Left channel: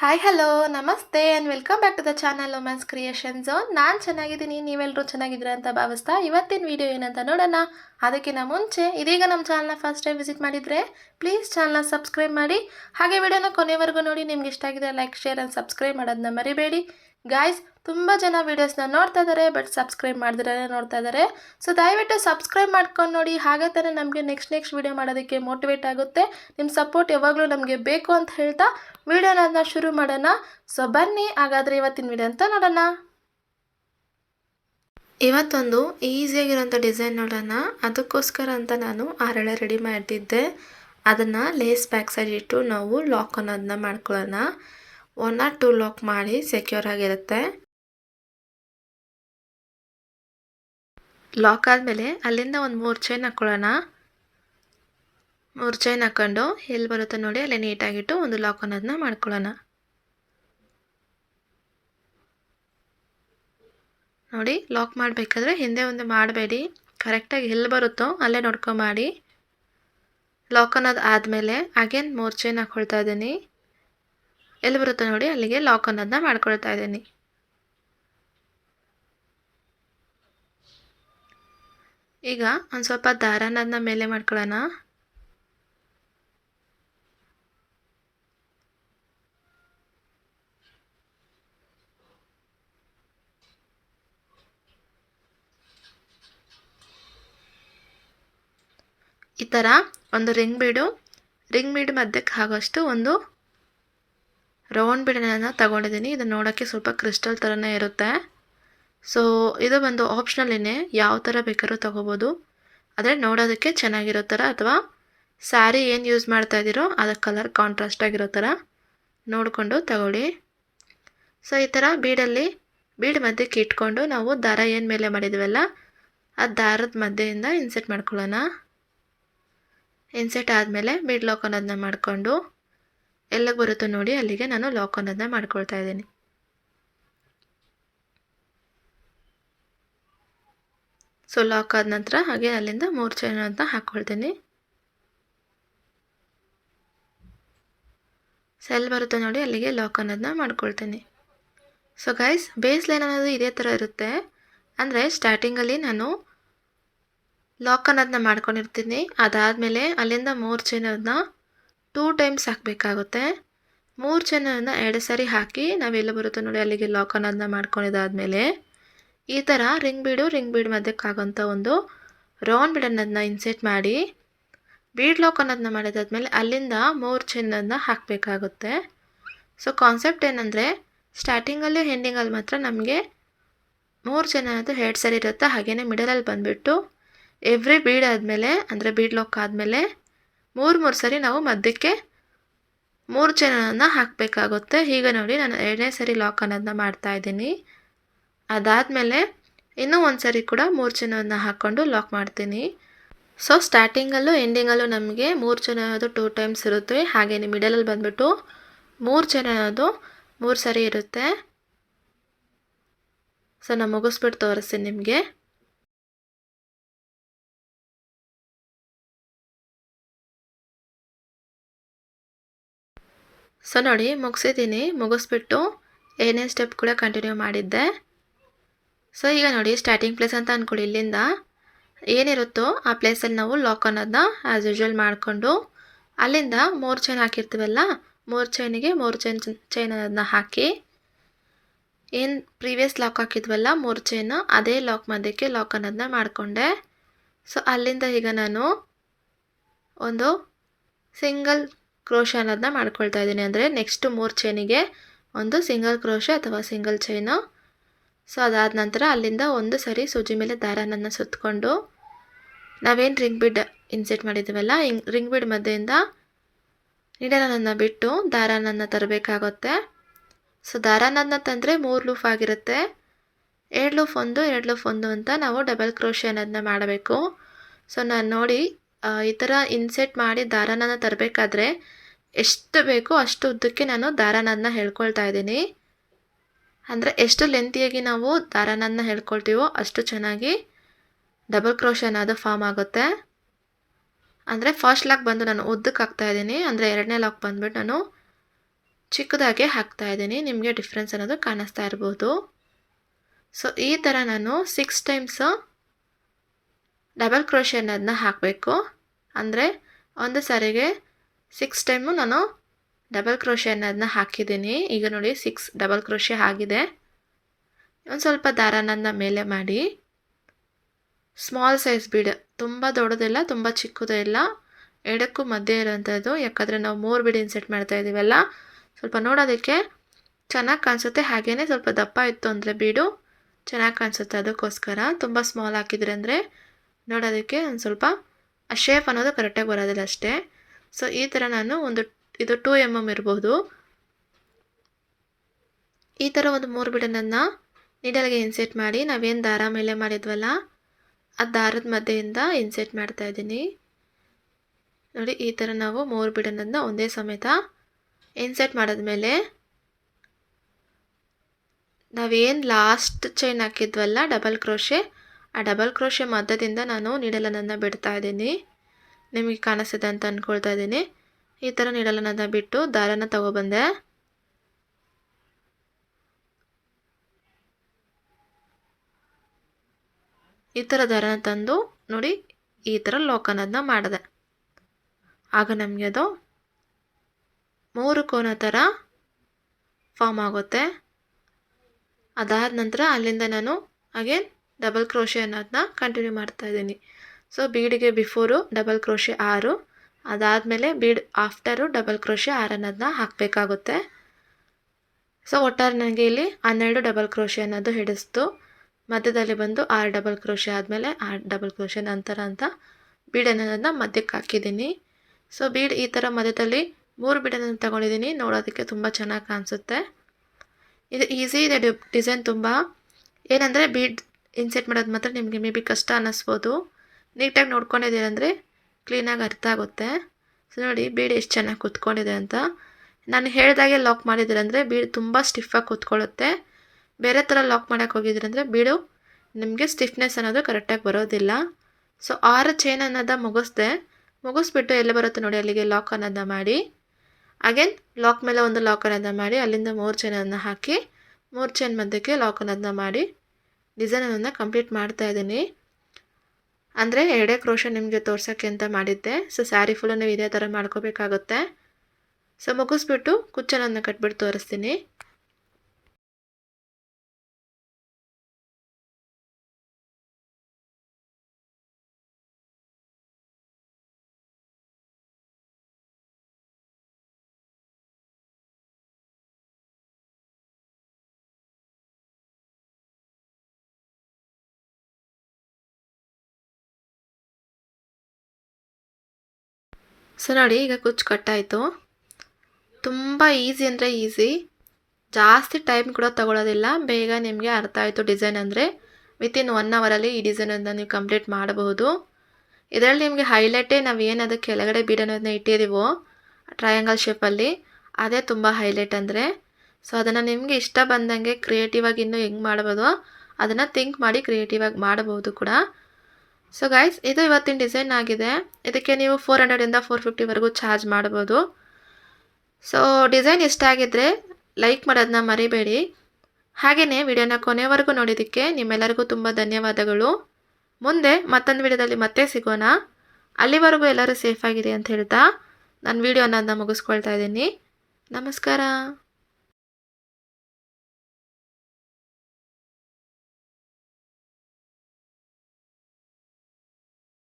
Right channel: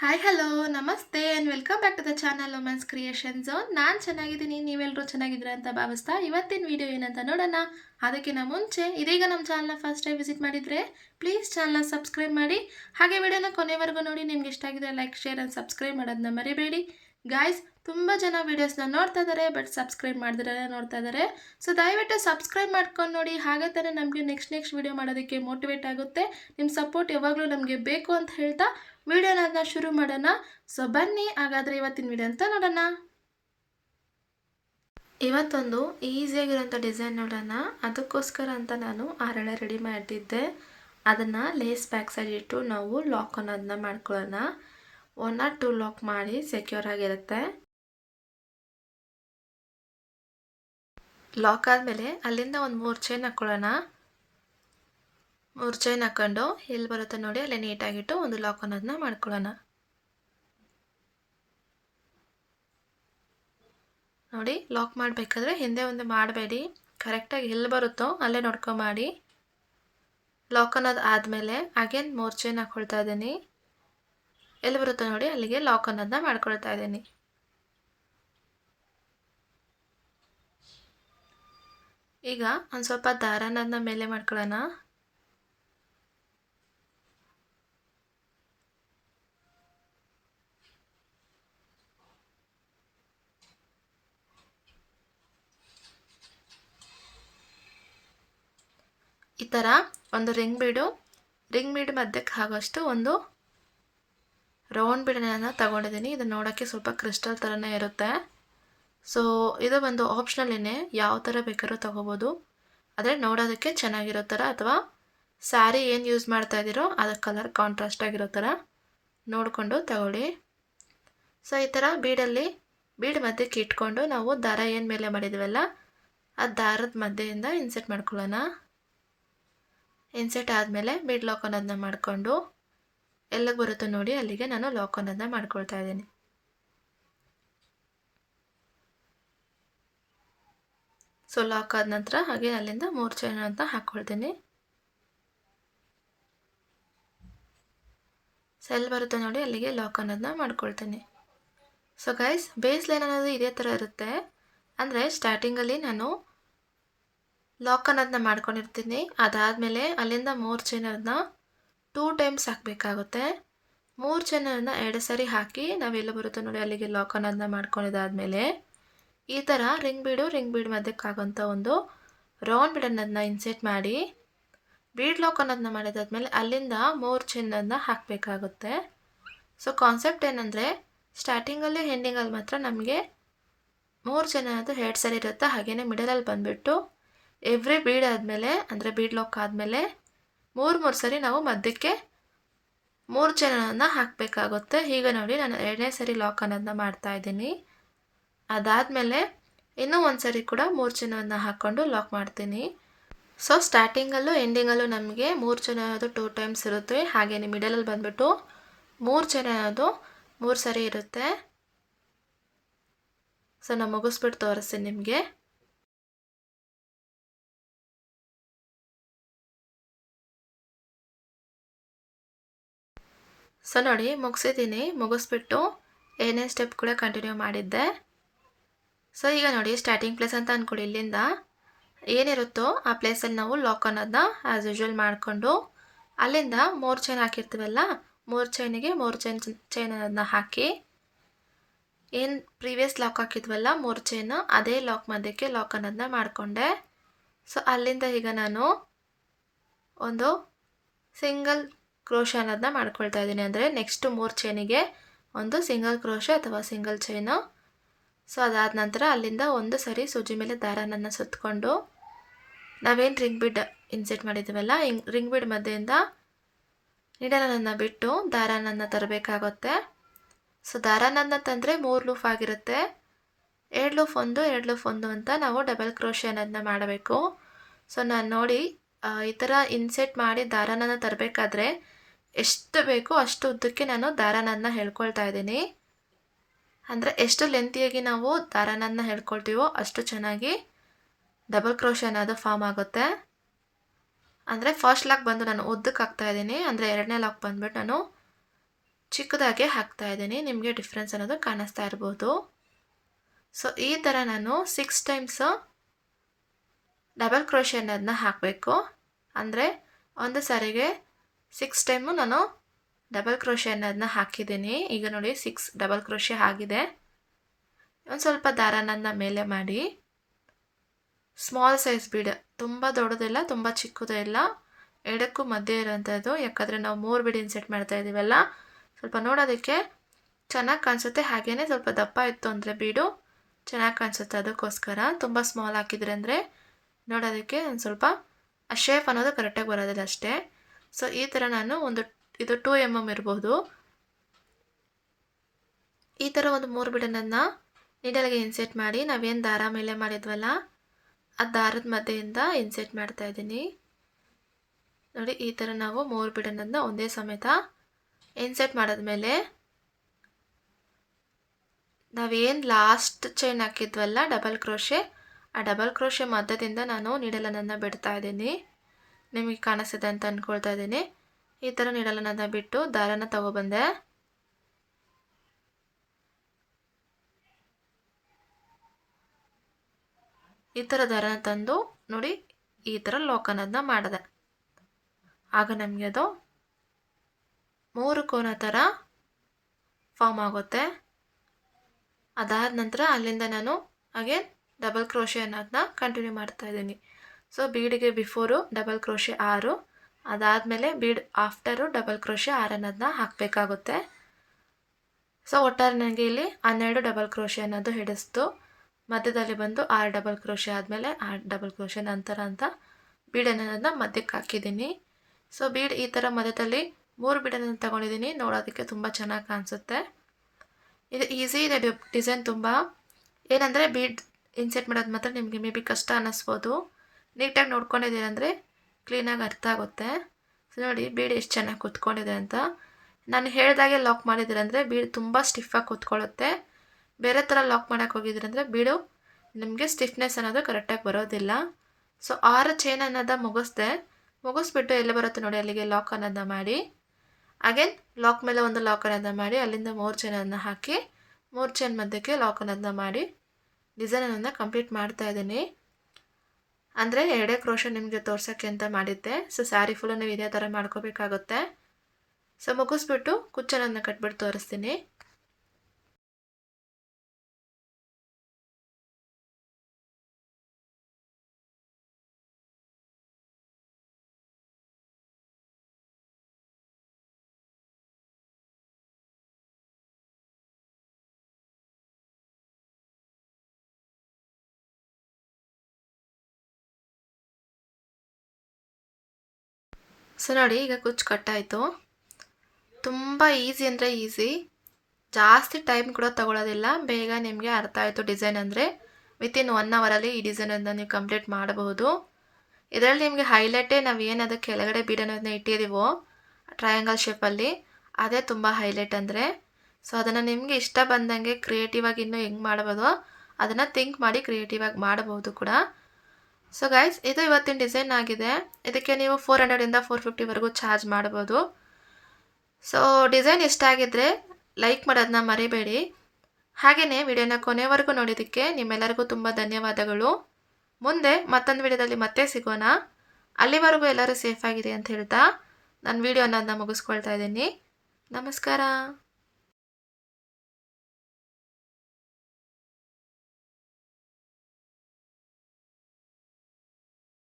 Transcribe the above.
Hi hello ನಮಸ್ತೆ and welcome back to the channel women's creation zone. ನಾನು ಚೆನ್ನಾಗಿದ್ದೀನಿ, ನೀವೆಲ್ಲರೂ ಚೆನ್ನಾಗಿದ್ದೀರಾ ಅಂತ ಭಾವಿಸ್ತಾ ಇವತ್ತಿನ ವಿಡಿಯೋ ಏನಂತ ನೋಡೋಣ. ಅದಕ್ಕಿಂತ ಮುಂಚೆ ಇದೀಗ ನಮ್ಮ ಚಾನಲ್ನ ಫಸ್ಟ್ ಟೈಮ್ ವಿಸಿಟ್ ಮಾಡಿದರೆ ಪ್ಲೀಸ್ ಚಾನಲ್ನ ಸಬ್ಸ್ಕ್ರೈಬ್ ಮಾಡಿ. ಹಾಗೆ ವಿಡಿಯೋನ ಕೊನೆವರೆಗೂ ನೋಡಿ. ನಿಮ್ಗೆ ಇಷ್ಟ ಆಗಿದೆ ಲೈಕ್ ಶೇರ್ ಆ್ಯಂಡ್ ಸಬ್ಸ್ಕ್ರೈಬ್ ಮಾಡೋದನ್ನ ಮರಿಬೇಡಿ ಗಾಯ್ಸ್. ತುಂಬ ಜನ ವೀಡಿಯೋಸ್ನ ನೋಡ್ತಾ ಇದ್ದಾರೆ ಬಟ್ ಸಬ್ಸ್ಕ್ರೈಬ್ ಮಾಡಿದ್ರೆ ನೋಡ್ತಾ ಇದ್ದಾರೆ. ಸೊ ದಯವಿಟ್ಟು ಸಬ್ಸ್ಕ್ರೈಬ್ ಮಾಡ್ಕೊಂಡು ನೋಡಿ. ಹಾಗೆ ತಾನೇ ನಮಗೆ ನೆಕ್ಸ್ಟ್ ವೀಡಿಯೋ ಮಾಡೋದಕ್ಕೆ ಮೋಟಿವೇಟ್ ಆಗುತ್ತೆ. ನಿಮ್ಮ ಸಪೋರ್ಟ್ ಯಾವಾಗಲೂ ನಮಗೆ ಬೇಕು ಅಂತ ಹೇಳ್ತಾ ವಿಡಿಯೋನ ಶುರು ಮಾಡೋಣ. ಸೊ ಬನ್ನಿ ಹಾಗಾದರೆ ಇವತ್ತಿನ ವಿಡಿಯೋ ಅಂತ ನೋಡೋಣ. ಇವತ್ತೊಂದು ಈಸಿಯಾಗಿರೋಂಥ ಡಿಸೈನ್ ನೋಡೋಣ. ಅದಕ್ಕೋಸ್ಕರ ಅಂತ ನಾನು ಆರೆಳೆ ರೆಡಿ ಮಾಡಿದ್ದೆ. ಅದನ್ನು ಲೇಸ್ ಬ್ಯಾಕ್ ಸೈಡ್ ಇಟ್ಟು ನಾವು ಲಾಕ್ ಅನ್ನೋದನ್ನ ಮಾಡ್ಕೊಳ್ಳೋಣ. 1 or 2 ಲಾಕ್ ಮಾಡಿ ಸೆಕ್ಯೂರ್ ಆಗಿರುತ್ತೆ. ಲಾಕ್ ಆದಮೇಲೆ ಅಲ್ಲಿಂದ ಒಂದು 3 ಚೈನ್ ಹಾಕ್ಕೊಳ್ಳೋಣ. 3 ಚೈನ್ ಹಾಕ್ಕೊಂಡು ಎಲ್ಲಿ ಬರುತ್ತೆ ನೋಡಿ ಅಲ್ಲಿ ನೀಟಾಗಿಟ್ಟು ಒಂದು ಲಾಕ್ ಅನ್ನೋದನ್ನ ಮಾಡ್ಕೊಳ್ಳೋಣ. ನೋಡಿ, ಲಾಕ್ ಮಾಡಬೇಕಾದ್ರೆ ಹಿಂದೆ ಮುಂದೆ ಮಾಡಬೇಡಿ, ಕರೆಕ್ಟಾಗಿ ಎಲ್ಲಿ ಬರುತ್ತೋ ಅಲ್ಲೇ ನೋಡ್ಕೊಂಡು ಮಾಡಿ. ಲಾಕ್ ಅನ್ನೋದು ಆದಮೇಲೆ ಅಗೇನ್ 3 ಚೈನ್ ಹಾಕ್ಕೊಳ್ತಾ ಇದ್ದೀನಿ. ಎಲ್ಲಿ ಬರುತ್ತೋ ನೋಡಿ ಅಲ್ಲಿಗೆ ಲಾಕ್ ಅನ್ನೋದನ್ನ ಮಾಡ್ಕೊಳ್ತಾ ಇದ್ದೀನಿ. ಈಗ ಒಂದು ಸ್ವಲ್ಪ ದಾರನ ಮೇಲೆ ಮಾಡ್ಕೊಳ್ಳೋಣ. ಈ ಥರ ಒಂದು ರಿಂಗ್ ಬೀಡು ಮಧ್ಯಕ್ಕೆ ಆಗೋಷ್ಟು ಒಂದು ರೌಂಡ್ ಬೀಡನ್ನ ತಗೊಂಡಿದ್ದೀನಿ. ಇದು ನೋಡೋಕ್ಕೆ ಸ್ವಲ್ಪ ಕ್ರಿಸ್ಟಲ್ ಥರನೇ ಇರುತ್ತೆ. ಸೊ ಇದು ಒಂದು ಆಪ್ಷನಲ್ಲಿನೇ, ಯಾವ ಥರ ಬೇಕಾದ್ರೂ ತೊಗೋಬೋದು. ಆದರೆ ನೋಡೋದಕ್ಕೆ ಚೆನ್ನಾಗಿರೋ ಥರ ಅಥವಾ ಸ್ಯಾರಿ ಏನು ಯೂಸ್ ಮಾಡ್ತಾ ಇದ್ದೀರೋ ಅದಕ್ಕೆ ಕಲರ್ ಕಾಂಟ್ರಾಸ್ಟ್ ಆಗಿರೋ ಥರ ನೋಡಿಕೊಂಡು ತಗೊಳ್ಳಿ. ಸೊ ಈ ಥರ ಬೀಡ್ ಮಧ್ಯಕ್ಕೆ ಇಟ್ಕೊಂಡು ನಾವು ದಾರ ಏನು ಮೇಲೆ ಮಾಡಿದ್ವಲ್ಲ ಆ ದಾರದ ಮಧ್ಯೆಯಿಂದ ಇನ್ಸೆಟ್ ಮಾಡ್ಕೊಳ್ಳೋಣ. ಇನ್ಸೆಟ್ ಆದಮೇಲೆ ಬೀಡ್ ಲಾಕ್ ಅನ್ನೋದನ್ನ ಮಾಡಿಕೊಂಡು ಎಲ್ಲಿಗೆ ಬರುತ್ತೋ ನೋಡಿ ಅಲ್ಲಿಗೆ ನಾನು ಲಾಕ್ ಅನ್ನೋದನ್ನ ಮಾಡ್ಕೊಳ್ತಾ ಇದ್ದೀನಿ. ಸೊ ಲಾಕ್ ಆದ ನಂತರ ಹಾಗೆ ಅಲ್ಲಿಂದ 3 ಚೈನ್ ಅಂತ ಹಾಕ್ಕೊಳ್ತೀನಿ. ಸೊ ಎಲ್ಲಿ ಬರುತ್ತೋ ನೋಡಿ ಅಲ್ಲಿಗೆ ಲಾಕ್ ಅನ್ನೋದನ್ನ ಮಾಡ್ಕೊಳ್ತೀನಿ. ಸೊ ಗೈಸ್, ಬೇಸ್ ಲೈನ್ ಅನ್ನೋದು ಇದೇ ಥರ ಇರುತ್ತೆ. ಅಂದರೆ ಸ್ಟಾರ್ಟಿಂಗಲ್ಲಿ ನಾನು ಲಾಕ್ ಅನ್ನೋದನ್ನ ಮಾಡ್ಕೊಂಡಿರ್ತೀನಿ. ಅದಾದಮೇಲೆ ಅಲ್ಲಿಂದ 3 ಚೈನನ್ನ 2 ಟೈಮ್ಸ್ ಹಾಕಬೇಕಾಗುತ್ತೆ. 3 ಚೈನನ್ನು 2 ಸಾರಿ ಹಾಕಿ ನಾವೆಲ್ಲ ಬರುತ್ತೋ ನೋಡಿ ಅಲ್ಲಿಗೆ ಲಾಕ್ ಅನ್ನೋದನ್ನ ಮಾಡ್ಕೊಂಡಿದ್ದಾದಮೇಲೆ ಈ ಥರ ರಿಂಗ್ ಬೀಡ್ ಮಧ್ಯಕ್ಕಾಗೋಂಥ ಒಂದು ರೌಂಡ್ ಬೀಡ್ ಅನ್ನೋದನ್ನ ಇನ್ಸೆಟ್ ಮಾಡಿ ಬೀಡ್ ಲಾಕ್ ಅನ್ನೋದನ್ನ ಮಾಡಿದಾದ್ಮೇಲೆ ಅಲ್ಲಿಂದ 3 ಚೈನನ್ನು ಹಾಕಬೇಕಾಗುತ್ತೆ. ಸೊ ಕಾನ್ಸೆಪ್ಟ್ ಏನಂದರೆ ಸ್ಟಾರ್ಟಿಂಗಲ್ಲಿ ಎಂಡಿಂಗಲ್ಲಿ ಮಾತ್ರ ನಮಗೆ 3 ಚೈನ್ ಅನ್ನೋದು 2 ಸಾರಿ ಇರುತ್ತೆ. ಹಾಗೆಯೇ ಮಿಡಲಲ್ಲಿ ಬಂದುಬಿಟ್ಟು ಎವ್ರಿ ಬೀಡ್ ಆದಮೇಲೆ ಅಂದರೆ ಬೀಡ್ ಲಾಕ್ ಆದಮೇಲೆ 3 ಸರಿ ನಾವು ಮಧ್ಯಕ್ಕೆ 3 ಚೈನನ್ನು ಹಾಕಬೇಕಾಗುತ್ತೆ. ಈಗ ನೋಡಿ ನಾನು 2ನೇ ಸರಿ ಲಾಕ್ ಅನ್ನೋದನ್ನ ಮಾಡ್ತಾಯಿದ್ದೀನಿ. ಅದಾದಮೇಲೆ ಇನ್ನೂ ಒಂದು ಸರಿ ಕೂಡ 3 ಚೈನನ್ನು ಹಾಕ್ಕೊಂಡು ಲಾಕ್ ಮಾಡ್ತೀನಿ. ಸೊ ಸ್ಟಾರ್ಟಿಂಗಲ್ಲೂ ಎಂಡಿಂಗಲ್ಲೂ ನಮಗೆ 3 ಚೈನ್ ಅನ್ನೋದು 2 ಟೈಮ್ಸ್ ಇರುತ್ತೆ. ಹಾಗೆಯೇ ಮಿಡಲಲ್ಲಿ ಬಂದುಬಿಟ್ಟು 3 ಚೈನ್ ಅನ್ನೋದು 3 ಸರಿ ಇರುತ್ತೆ. ಸೊ ನಾನು ಮುಗಿಸ್ಬಿಟ್ಟು ತೋರಿಸ್ತೀನಿ ನಿಮಗೆ. ಸೊ ನೋಡಿ ಮುಗಿಸಿದ್ದೀನಿ. ಮುಗಿಸ್ಬಿಟ್ಟು ಏನೇ ಸ್ಟೆಪ್ ಕೂಡ ಕಂಟಿನ್ಯೂ ಮಾಡಿದ್ದೆ. ಸೊ ಈಗ ನೋಡಿ ಸ್ಟಾರ್ಟಿಂಗ್ ಪ್ಲೇಸ್ ಅಂತ ಅಂದ್ಕೊಳ್ಳಿ. ಇಲ್ಲಿಂದ ಏನಿರುತ್ತೋ ಆ ಪ್ಲೇಸಲ್ಲಿ ನಾವು ಲಾಕ್ ಅನ್ನೋದನ್ನ ಆ್ಯಸ್ ಯೂಶ್ವಲ್ ಮಾಡಿಕೊಂಡು ಅಲ್ಲಿಂದ 3 ಚೈನ್ ಹಾಕಿರ್ತೀವಲ್ಲ 3 ಚೈನಿಗೆ 3 ಚೈನ್ ಅನ್ನೋದನ್ನ ಹಾಕಿ ಏನು ಪ್ರೀವಿಯಸ್ ಲಾಕ್ ಹಾಕಿದ್ವಲ್ಲ 3 ಚೈನು ಅದೇ ಲಾಕ್ ಮಧ್ಯಕ್ಕೆ ಲಾಕ್ ಅನ್ನೋದನ್ನ ಮಾಡಿಕೊಂಡೆ. ಸೊ ಅಲ್ಲಿಂದ ಈಗ ನಾನು ಒಂದು ಸಿಂಗಲ್ ಕ್ರೋಶ ಅನ್ನೋದನ್ನ ಮಾಡ್ಕೊಳ್ತಾ ಇದ್ದೀನಿ. ಅಂದರೆ ನೆಕ್ಸ್ಟ್ 3 ಚೈನಿಗೆ ಒಂದು ಸಿಂಗಲ್ ಕ್ರೋಶ ಅಥವಾ ಸಿಂಗಲ್ ಚೈನು. ಸೊ ಅದಾದ ನಂತರ ಅಲ್ಲಿಂದ ಒಂದು ಸರಿ ಸೂಜಿ ಮೇಲೆ ದಾರನನ್ನು ಸುತ್ತಕೊಂಡು ನಾವೇನು ರಿಂಗ್ ಬೀಡ್ ಇನ್ಸೆಟ್ ಮಾಡಿದ್ದೀವಲ್ಲ ರಿಂಗ್ ಬೀಡ್ ಮಧ್ಯೆಯಿಂದ ನೀಡಲನ್ನು ಬಿಟ್ಟು ದಾರನನ್ನು ತರಬೇಕಾಗುತ್ತೆ. ಸೊ ದಾರನನ್ನು ತಂದರೆ 3 ಲೂಫ್ ಆಗಿರುತ್ತೆ. 2 ಲೂಫ್ 2 ಲೂಫ್ ಅಂತ ನಾವು ಡಬಲ್ ಕ್ರೋಶ ಅನ್ನೋದನ್ನ ಮಾಡಬೇಕು. ಸೊ ನಾನು ನೋಡಿ ಈ ಥರ ಇನ್ಸೆಟ್ ಮಾಡಿ ದಾರನನ್ನು ತರಬೇಕಾದ್ರೆ ಎಷ್ಟು ಬೇಕೋ ಅಷ್ಟು ಉದ್ದಕ್ಕೆ ನಾನು ದಾರನನ್ನು ಹೇಳ್ಕೊಳ್ತಾ ಇದ್ದೀನಿ. ಅಂದರೆ ಎಷ್ಟು ಲೆಂತಿಯಾಗಿ ನಾವು ದಾರನನ್ನು ಹೇಳ್ಕೊಳ್ತೀವೋ ಅಷ್ಟು ಚೆನ್ನಾಗಿ ಡಬಲ್ ಕ್ರೋಶ ಅನ್ನೋದು ಫಾರ್ಮ್ ಆಗುತ್ತೆ. ಅಂದರೆ ಫಸ್ಟ್ ಲಾಕ್ ಬಂದು ನಾನು ಉದ್ದಕ್ಕೆ ಹಾಕ್ತಾಯಿದ್ದೀನಿ. ಅಂದರೆ ಎರಡನೇ ಲಾಕ್ ಬಂದುಬಿಟ್ಟು ನಾನು ಚಿಕ್ಕದಾಗೆ ಹಾಕ್ತಾ ಇದ್ದೀನಿ. ನಿಮಗೆ ಡಿಫ್ರೆನ್ಸ್ ಅನ್ನೋದು ಕಾಣಿಸ್ತಾ ಇರ್ಬೋದು. ಸೊ ಈ ಥರ ನಾನು 6 ಟೈಮ್ಸ್ ಡಬಲ್ ಕ್ರೋಶೆ ಅನ್ನೋದನ್ನ ಹಾಕಬೇಕು. ಅಂದರೆ ಒಂದು ಸಾರಿಗೆ 6 ಟೈಮು ನಾನು ಡಬಲ್ ಕ್ರೋಶೆ ಅನ್ನೋದನ್ನ ಹಾಕಿದ್ದೀನಿ. ಈಗ ನೋಡಿ 6 ಡಬಲ್ ಕ್ರೋಶೆ ಆಗಿದೆ. ಒಂದು ಸ್ವಲ್ಪ ದಾರನ ಮೇಲೆ ಮಾಡಿ ಸ್ಮಾಲ್ ಸೈಜ್ ಬೀಡ್, ತುಂಬ ದೊಡ್ಡದಿಲ್ಲ ತುಂಬ ಚಿಕ್ಕದು ಇಲ್ಲ, ಎರಡಕ್ಕೂ ಮಧ್ಯೆ ಇರೋಂಥದ್ದು. ಯಾಕಂದರೆ ನಾವು 3 ಬೀಡ್ ಇನ್ಸೆಟ್ ಮಾಡ್ತಾ ಇದ್ದೀವಲ್ಲ, ಸ್ವಲ್ಪ ನೋಡೋದಕ್ಕೆ ಚೆನ್ನಾಗಿ ಕಾಣಿಸುತ್ತೆ. ಹಾಗೆಯೇ ಸ್ವಲ್ಪ ದಪ್ಪ ಇತ್ತು ಅಂದರೆ ಬೀಡು ಚೆನ್ನಾಗಿ ಕಾಣಿಸುತ್ತೆ, ಅದಕ್ಕೋಸ್ಕರ. ತುಂಬ ಸ್ಮಾಲ್ ಹಾಕಿದ್ರೆ ಅಂದರೆ ನೋಡೋದಕ್ಕೆ ಒಂದು ಸ್ವಲ್ಪ ಆ ಶೇಪ್ ಅನ್ನೋದು ಕರೆಕ್ಟಾಗಿ ಬರೋದಿಲ್ಲ ಅಷ್ಟೇ. ಸೊ ಈ ಥರ ನಾನು ಇದು 2 mm ಇರ್ಬೋದು. ಈ ಥರ ಒಂದು 3 ಬೀಡನ್ನು ನೀಡಲ್ಗೆ ಇನ್ಸೆಟ್ ಮಾಡಿ ನಾವೇನು ದಾರ ಮೇಲೆ ಮಾಡಿದ್ವಲ್ಲ ಆ ದಾರದ ಮಧ್ಯೆಯಿಂದ ಇನ್ಸೆಟ್ ಮಾಡ್ತಾ ಇದ್ದೀನಿ. ನೋಡಿ ಈ ಥರ ನಾವು 3 ಬೀಡನ್ನು ಒಂದೇ ಸಮೇತ ಇನ್ಸೆಟ್ ಮಾಡಿದ್ಮೇಲೆ ನಾವೇನು ಲಾಸ್ಟ್ ಚೈನ್ ಹಾಕಿದ್ವಲ್ಲ ಡಬಲ್ ಕ್ರೋಶೆ, ಆ ಡಬಲ್ ಕ್ರೋಶೆ ಮಧ್ಯದಿಂದ ನಾನು ನೀಡಲನ್ನು ಬಿಡ್ತಾ ಇದ್ದೀನಿ. ನಿಮಗೆ ಕಾಣಿಸ್ತಿದೆ ಅಂತ ಅಂದ್ಕೊಳ್ತಾ ಇದ್ದೀನಿ. ಈ ಥರ ನೀಡಲನ್ನು ಬಿಟ್ಟು ದಾರನ ತಗೊಬಂದೆ. ಈ ಥರ ದಾರನ ತಂದು ನೋಡಿ ಈ ಥರ ಲಾಕ್ ಅನ್ನೋದನ್ನ ಮಾಡಿದೆ. ಆಗ ನಮಗೆ ಅದು 3 ಕೋನ ಥರ ಫಾರ್ಮ್ ಆಗುತ್ತೆ. ಅದಾದ ನಂತರ ಅಲ್ಲಿಂದ ನಾನು ಅಗೇನ್ ಡಬಲ್ ಕ್ರೋಶೆ ಅನ್ನೋದನ್ನ ಕಂಟಿನ್ಯೂ ಮಾಡ್ತಾ ಇದ್ದೀನಿ. ಸೊ ಬೀಡಿಗೆ ಬಿಫೋರು ಡಬಲ್ ಕ್ರೋಶೆ 6, ಅದಾದಮೇಲೆ ಬೀಡ್ ಆಫ್ಟರು ಡಬಲ್ ಕ್ರೋಶೆ 6 ಅನ್ನೋದನ್ನ ಹಾಕಬೇಕಾಗುತ್ತೆ. ಸೊ ಒಟ್ಟಾರೆ ನನಗೆ ಇಲ್ಲಿ 12 ಡಬಲ್ ಕ್ರೋಶೆ ಅನ್ನೋದು ಹಿಡಿಸ್ತು. ಮಧ್ಯದಲ್ಲಿ ಬಂದು 6 ಡಬಲ್ ಕ್ರೋಶೆ ಆದಮೇಲೆ 6 ಡಬಲ್ ಕ್ರೋಶೆ ನಂತರ ಅಂತ ಬೀಡ್ ಅನ್ನೋದನ್ನ ಮಧ್ಯಕ್ಕೆ ಹಾಕಿದ್ದೀನಿ. ಸೊ ಬೀಡ್ ಈ ಥರ ಮಧ್ಯದಲ್ಲಿ 3 ಬೀಡನ್ನು ತಗೊಂಡಿದ್ದೀನಿ. ನೋಡೋದಕ್ಕೆ ತುಂಬ ಚೆನ್ನಾಗಿ ಕಾಣಿಸುತ್ತೆ. ಇದು ಈಸಿ ಇದೆ ಡಿಸೈನ್ ತುಂಬ. ಏನಂದರೆ ಬೀಡ್ ಇನ್ಸೆಟ್ ಮಾಡೋದು ಮಾತ್ರ ನಿಮಗೆ ಮೇ ಬಿ ಕಷ್ಟ ಅನ್ನಿಸ್ಬೋದು. ನೀಟಾಗಿ ನೋಡ್ಕೊಂಡಿದ್ದೀರಂದರೆ ಕ್ಲೀನಾಗಿ ಅರ್ಥ ಆಗುತ್ತೆ. ಸೊ ನೋಡಿ ಬೀಡ್ ಎಷ್ಟು ಚೆನ್ನಾಗಿ ಕೂತ್ಕೊಂಡಿದೆ ಅಂತ. ನಾನು ಹೇಳಿದಾಗೆ ಲಾಕ್ ಮಾಡಿದ್ದೀರಂದರೆ ಬೀಡ್ ತುಂಬ ಸ್ಟಿಫಾಗಿ ಕೂತ್ಕೊಳ್ಳುತ್ತೆ. ಬೇರೆ ಥರ ಲಾಕ್ ಮಾಡೋಕ್ಕೆ ಹೋಗಿದ್ದೀರಂದರೆ ಬೀಡು ನಿಮಗೆ ಸ್ಟಿಫ್ನೆಸ್ ಅನ್ನೋದು ಕರೆಕ್ಟಾಗಿ ಬರೋದಿಲ್ಲ. ಸೊ 6 ಚೈನ್ ಅನ್ನೋದ ಮುಗಿಸ್ಬಿಟ್ಟು ಎಲ್ಲ ಬರುತ್ತೆ ನೋಡಿ ಅಲ್ಲಿಗೆ ಲಾಕ್ ಅನ್ನೋದನ್ನ ಮಾಡಿ ಅಗೇನ್ ಲಾಕ್ ಮೇಲೆ ಒಂದು ಲಾಕ್ ಅನ್ನೋದನ್ನ ಮಾಡಿ ಅಲ್ಲಿಂದ 3 ಚೈನನ್ನು ಹಾಕಿ 3 ಚೈನ್ ಮಧ್ಯಕ್ಕೆ ಲಾಕ್ ಅನ್ನೋದನ್ನ ಮಾಡಿ ಡಿಸೈನನ್ನು ಕಂಪ್ಲೀಟ್ ಮಾಡ್ತಾ ಇದ್ದೀನಿ. ಅಂದರೆ 2 ಕ್ರೋಶೆ ನಿಮಗೆ ತೋರ್ಸೋಕ್ಕೆ ಅಂತ ಮಾಡಿದ್ದೆ. ಸೊ ಸ್ಯಾರಿ ಫುಲ್ಲು ನೀವು ಇದೇ ಥರ ಮಾಡ್ಕೋಬೇಕಾಗುತ್ತೆ. ಸೊ ಮುಗಿಸ್ಬಿಟ್ಟು ಕುಚ್ಚನನ್ನು ಕಟ್ಬಿಟ್ಟು ತೋರಿಸ್ತೀನಿ. ಸೊ ನೋಡಿ ಈಗ ಕುಚ್ಚು ಕಟ್ಟಾಯಿತು. ತುಂಬ ಈಸಿ ಅಂದರೆ ಈಸಿ, ಜಾಸ್ತಿ ಟೈಮ್ ಕೂಡ ತಗೊಳ್ಳೋದಿಲ್ಲ. ಬೇಗ ನಿಮಗೆ ಅರ್ಥ ಆಯಿತು ಡಿಸೈನ್ ಅಂದರೆ ವಿತಿನ್ 1 ಅವರಲ್ಲಿ ಈ ಡಿಸೈನನ್ನು ನೀವು ಕಂಪ್ಲೀಟ್ ಮಾಡಬಹುದು. ಇದರಲ್ಲಿ ನಿಮಗೆ ಹೈಲೈಟೇ ನಾವು ಏನು ಅದಕ್ಕೆ ಕೆಳಗಡೆ ಬೀಡನ್ನು ಇಟ್ಟಿದ್ದೀವೋ ಟ್ರಯಾಂಗಲ್ ಶೇಪಲ್ಲಿ, ಅದೇ ತುಂಬ ಹೈಲೈಟ್ ಅಂದರೆ. ಸೊ ಅದನ್ನು ನಿಮಗೆ ಇಷ್ಟ ಬಂದಂಗೆ ಕ್ರಿಯೇಟಿವಾಗಿ ಇನ್ನೂ ಹೆಂಗೆ ಮಾಡ್ಬೋದು ಅದನ್ನು ಥಿಂಕ್ ಮಾಡಿ ಕ್ರಿಯೇಟಿವಾಗಿ ಮಾಡಬಹುದು ಕೂಡ. ಸೊ ಗೈಸ್ ಇದು ಇವತ್ತಿನ ಡಿಸೈನ್ ಆಗಿದೆ. ಇದಕ್ಕೆ ನೀವು 400ಇಂದ 450ವರೆಗೂ ಚಾರ್ಜ್ ಮಾಡ್ಬೋದು. ಸೊ ಡಿಸೈನ್ ಇಷ್ಟ ಆಗಿದ್ದರೆ ಲೈಕ್ ಮಾಡೋದನ್ನ ಮರಿಬೇಡಿ. ಹಾಗೆಯೇ ವಿಡಿಯೋನ ಕೊನೆವರೆಗೂ ನೋಡಿದ್ದಕ್ಕೆ ನಿಮ್ಮೆಲ್ಲರಿಗೂ ತುಂಬ ಧನ್ಯವಾದಗಳು. ಮುಂದೆ ಮತ್ತೊಂದು ವಿಡಿಯೋದಲ್ಲಿ ಮತ್ತೆ ಸಿಗೋಣ. ಅಲ್ಲಿವರೆಗೂ ಎಲ್ಲರೂ ಸೇಫಾಗಿದೆ ಅಂತ ಹೇಳ್ತಾ ನಾನು ವಿಡಿಯೋನ ಮುಗಿಸ್ಕೊಳ್ತಾ ಇದ್ದೀನಿ. ನಮಸ್ಕಾರ.